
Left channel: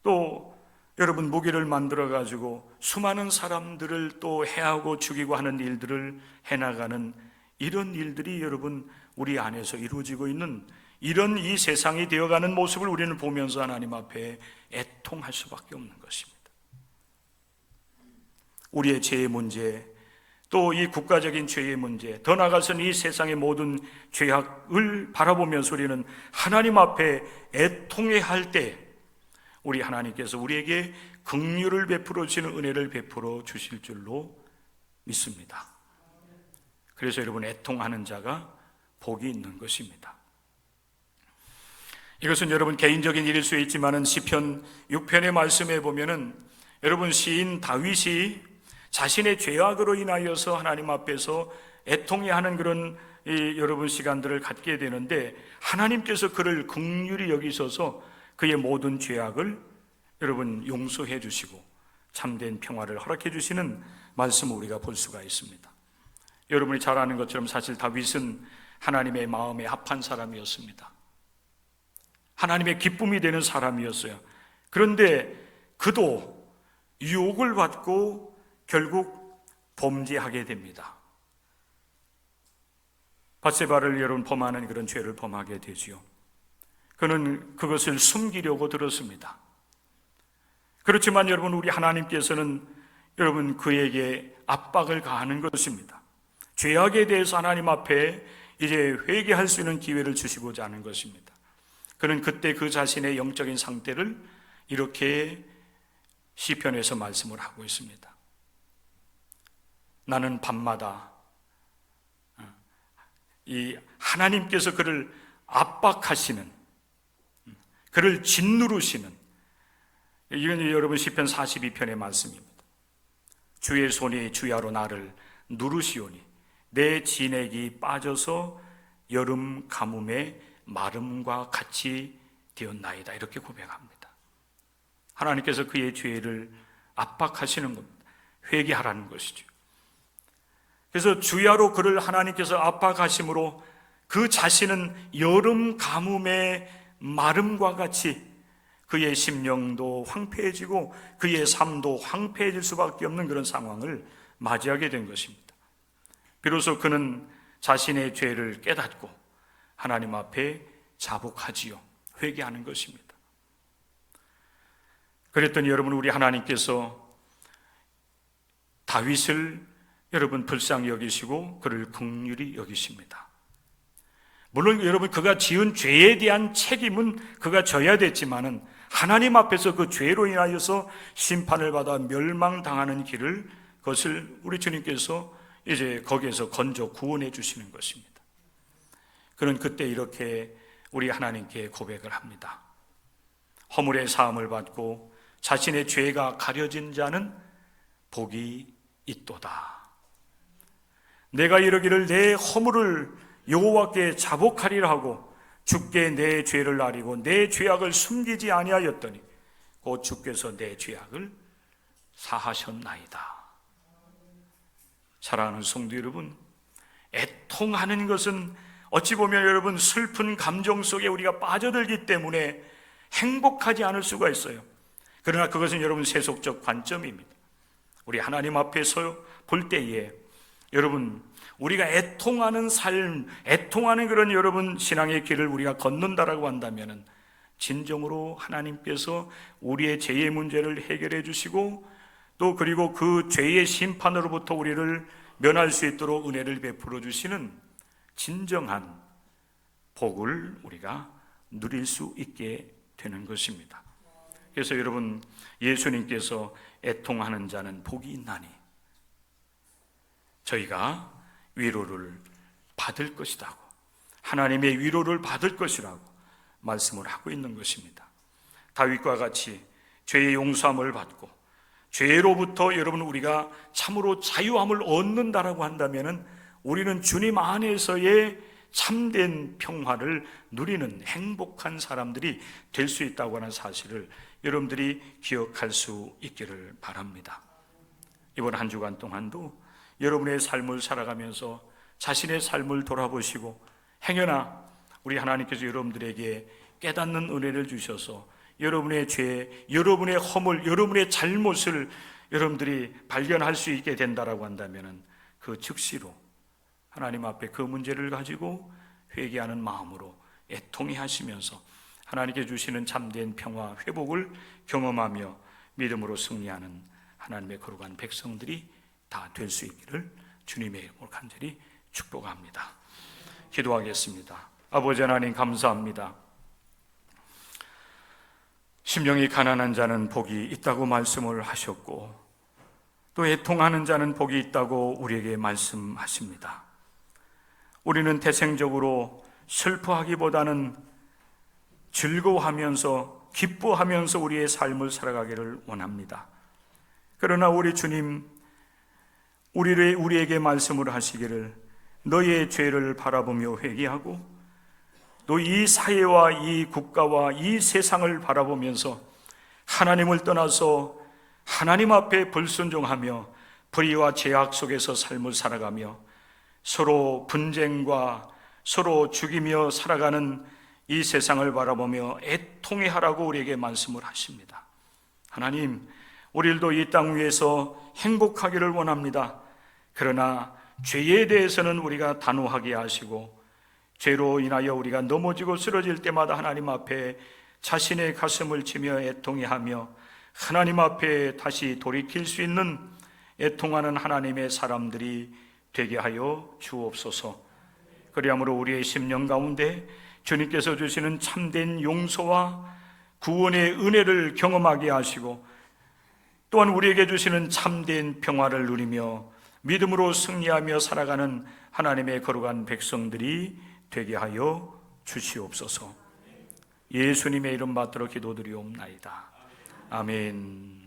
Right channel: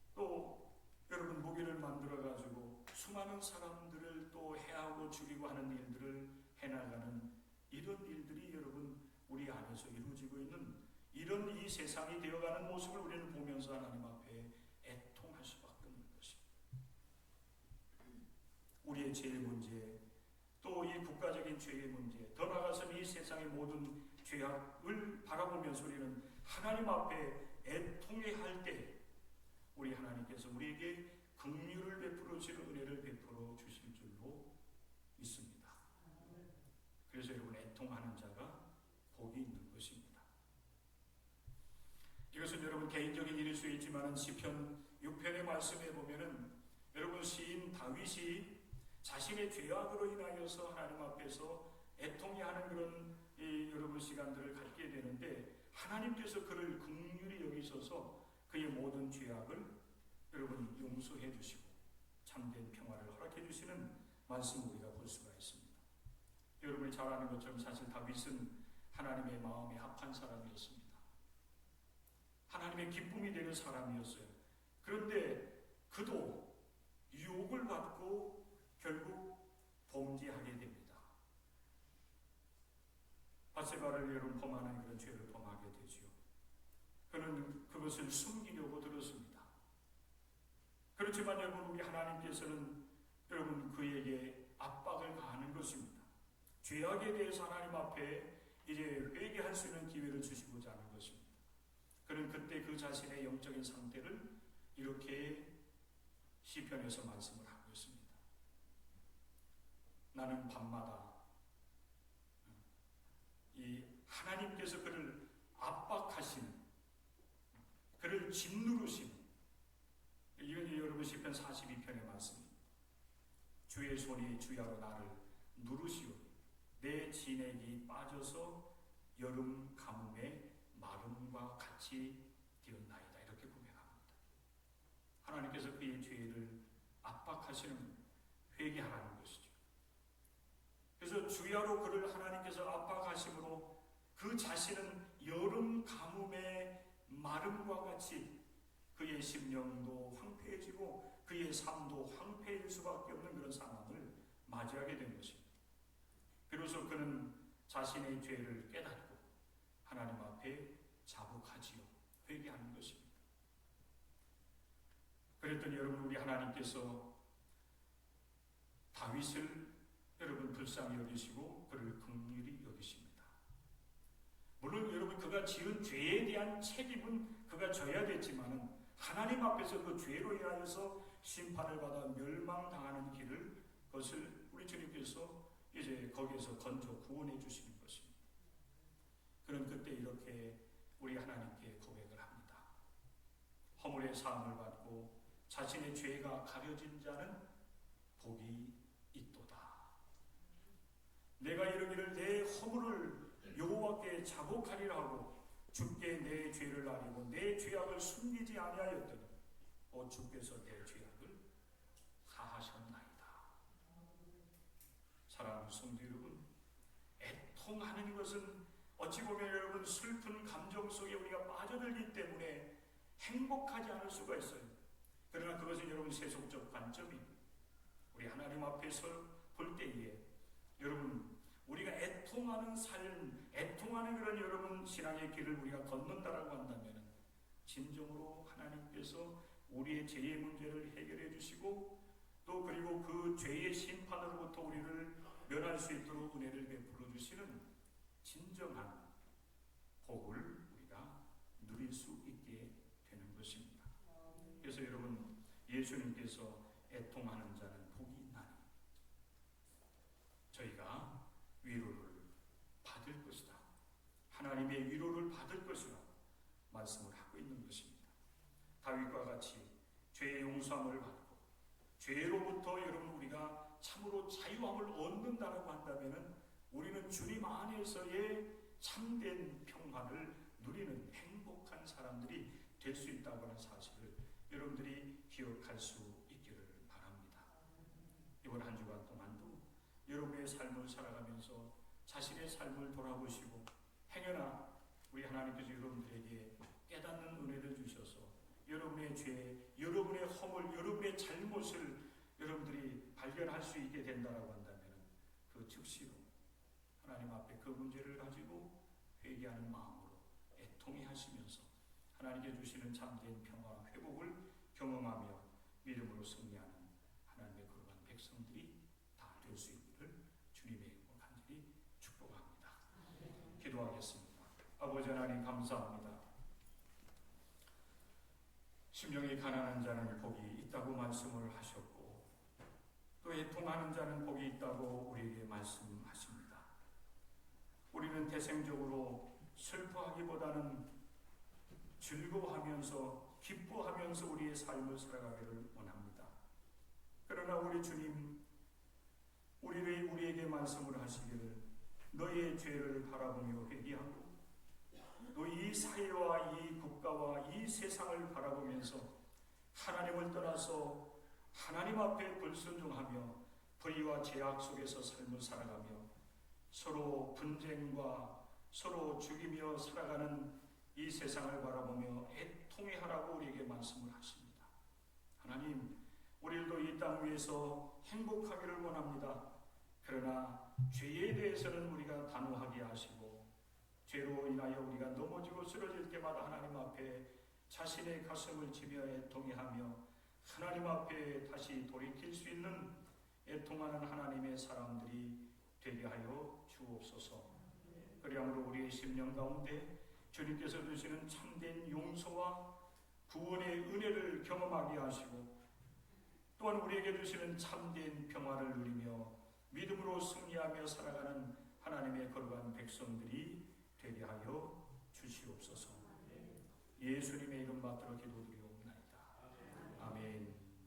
또 여러분 무기를 만들어 가지고 수많은 사람들을 또 해하고 죽이고 하는 일들을 해나가는 이런 일들이 여러분 우리 안에서 이루어지고 있는 이런 이 세상이 되어가는 모습을 우리는 보면서 하나님 앞에 애통할 수밖에 없는 것입니다. 우리의 죄의 문제, 또 이 국가적인 죄의 문제, 더 나아가서는 이 세상의 모든 죄악을 바라보면서 우리는 하나님 앞에 애통해야 할 때 우리 하나님께서 우리에게 긍휼을 베풀어 주시는 은혜를 베풀어 주실 줄로 믿습니다. 그래서 여러분 애통하는 자가 복이 있는 것입니다. 이것은 여러분 개인적인 일일 수 있지만은 시편 6편의 말씀에 보면은 여러분 시인 다윗이 자신의 죄악으로 인하여서 하나님 앞에서 애통해야 하는 그런 여러분 시간들을 갖게 되는데 하나님께서 그를 긍휼히 여기셔서 그의 모든 죄악을 여러분 용서해 주시고 참된 평화를 허락해 주시는 말씀을 우리가 볼 수가 있습니다. 여러분이 잘 아는 것처럼 사실 다윗은 하나님의 마음에 합한 사람이었습니다. 하나님의 기쁨이 되는 사람이었어요. 그런데 그도 유혹을 받고 결국 범죄하게 됩니다. 밧세바를 여러분 범하는 그런 죄를 범하게 되지요. 그는 그것을 숨기려고 들었습니다. 그렇지만 여러분 우리 하나님께서는 여러분 그에게 압박을 가하는 것입니다. 죄악에 대해서 하나님 앞에 이제 회개할 수 있는 기회를 주시고자 하는 것입니다. 그는 그때 그 자신의 영적인 상태를 이렇게 시편에서 말씀을 하고 있습니다. 나는 밤마다 이 하나님께서 그를 압박하시는, 그를 짓누르시는, 이건 여러분 시편 42편의 말씀입니다. 주의 손이 주야로 나를 누르시오니 내 진액이 빠져서 여름 가뭄에 마름과 같이 되었나이다. 이렇게 고백합니다. 하나님께서 그의 죄를 압박하시는 겁니다. 회개하라는 것이죠. 그래서 주야로 그를 하나님께서 압박하심으로 그 자신은 여름 가뭄의 마름과 같이 그의 심령도 황폐해지고 그의 삶도 황폐해질 수밖에 없는 그런 상황을 맞이하게 된 것입니다. 비로소 그는 자신의 죄를 깨닫고 하나님 앞에 자복하지요. 회개하는 것입니다. 그랬더니 여러분 우리 하나님께서 다윗을 여러분 불쌍히 여기시고 그를 긍휼히 여기십니다. 물론 여러분 그가 지은 죄에 대한 책임은 그가 져야 됐지만은 하나님 앞에서 그 죄로 인하여서 심판을 받아 멸망당하는 길을 그것을 우리 주님께서 이제 거기에서 건져 구원해 주시는 것입니다. 그는 그때 이렇게 우리 하나님께 고백을 합니다. 허물의 사함을 받고 자신의 죄가 가려진 자는 복이 있도다. 내가 이르기를 내 허물을 여호와께 자복하리라 하고 주께 내 죄를 아리고 내 죄악을 숨기지 아니하였더니 곧 주께서 내 죄악을 사하셨나이다. 사랑하는 성도 여러분, 애통하는 것은 어찌 보면 여러분 슬픈 감정 속에 우리가 빠져들기 때문에 행복하지 않을 수가 있어요. 그러나 그것은 여러분 세속적 관점입니다. 우리 하나님 앞에서 볼 때에 여러분 우리가 애통하는 삶, 애통하는 그런 여러분 신앙의 길을 우리가 걷는다라고 한다면 진정으로 하나님께서 우리의 죄의 문제를 해결해 주시고 또 그리고 그 죄의 심판으로부터 우리를 면할 수 있도록 은혜를 베풀어 주시는 진정한 복을 우리가 누릴 수 있게 되는 것입니다. 그래서 여러분 예수님께서 애통하는 자는 복이 있나니 저희가 위로를 받을 것이라고, 하나님의 위로를 받을 것이라고 말씀을 하고 있는 것입니다. 다윗과 같이 죄의 용서함을 받고 죄로부터 여러분 우리가 참으로 자유함을 얻는다라고 한다면 우리는 주님 안에서의 참된 평화를 누리는 행복한 사람들이 될 수 있다고 하는 사실을 여러분들이 기억할 수 있기를 바랍니다. 이번 한 주간 동안도 여러분의 삶을 살아가면서 자신의 삶을 돌아보시고 행여나 우리 하나님께서 여러분들에게 깨닫는 은혜를 주셔서 여러분의 죄, 여러분의 허물, 여러분의 잘못을 여러분들이 발견할 수 있게 된다라고 한다면 그 즉시로 하나님 앞에 그 문제를 가지고 회개하는 마음으로 애통해 하시면서 하나님께 주시는 참된 평화, 회복을 경험하며 믿음으로 승리하는 하나님의 거룩한 백성들이 다 될 수 있기를 주님의 이름으로 간절히 축복합니다. 기도하겠습니다. 아버지 하나님 감사합니다. 심령이 가난한 자는 복이 있다고 말씀을 하셨고 또 애통하는 자는 복이 있다고 우리에게 말씀하십니다. 우리는 태생적으로 슬퍼하기보다는 즐거워하면서 기뻐하면서 우리의 삶을 살아가기를 원합니다. 그러나 우리 주님, 우리에게 말씀을 하시기를 너의 죄를 바라보며 회개하고 또 이 사회와 이 국가와 이 세상을 바라보면서 하나님을 떠나서 하나님 앞에 불순종하며 불의와 죄악 속에서 삶을 살아가며 서로 분쟁과 서로 죽이며 살아가는 이 세상을 바라보며 애통해 하라고 우리에게 말씀을 하십니다. 하나님, 우리들도 이 땅 위에서 행복하기를 원합니다. 그러나 죄에 대해서는 우리가 단호하게 하시고 죄로 인하여 우리가 넘어지고 쓰러질 때마다 하나님 앞에 자신의 가슴을 치며 애통해 하며 하나님 앞에 다시 돌이킬 수 있는 애통하는 하나님의 사람들이 되게 하여 주옵소서. 그리함으로 우리의 심령 가운데 주님께서 주시는 참된 용서와 구원의 은혜를 경험하게 하시고 또한 우리에게 주시는 참된 평화를 누리며 믿음으로 승리하며 살아가는 하나님의 거룩한 백성들이 되게 하여 주시옵소서. 예수님의 이름 받들어 기도드리옵나이다. 아멘.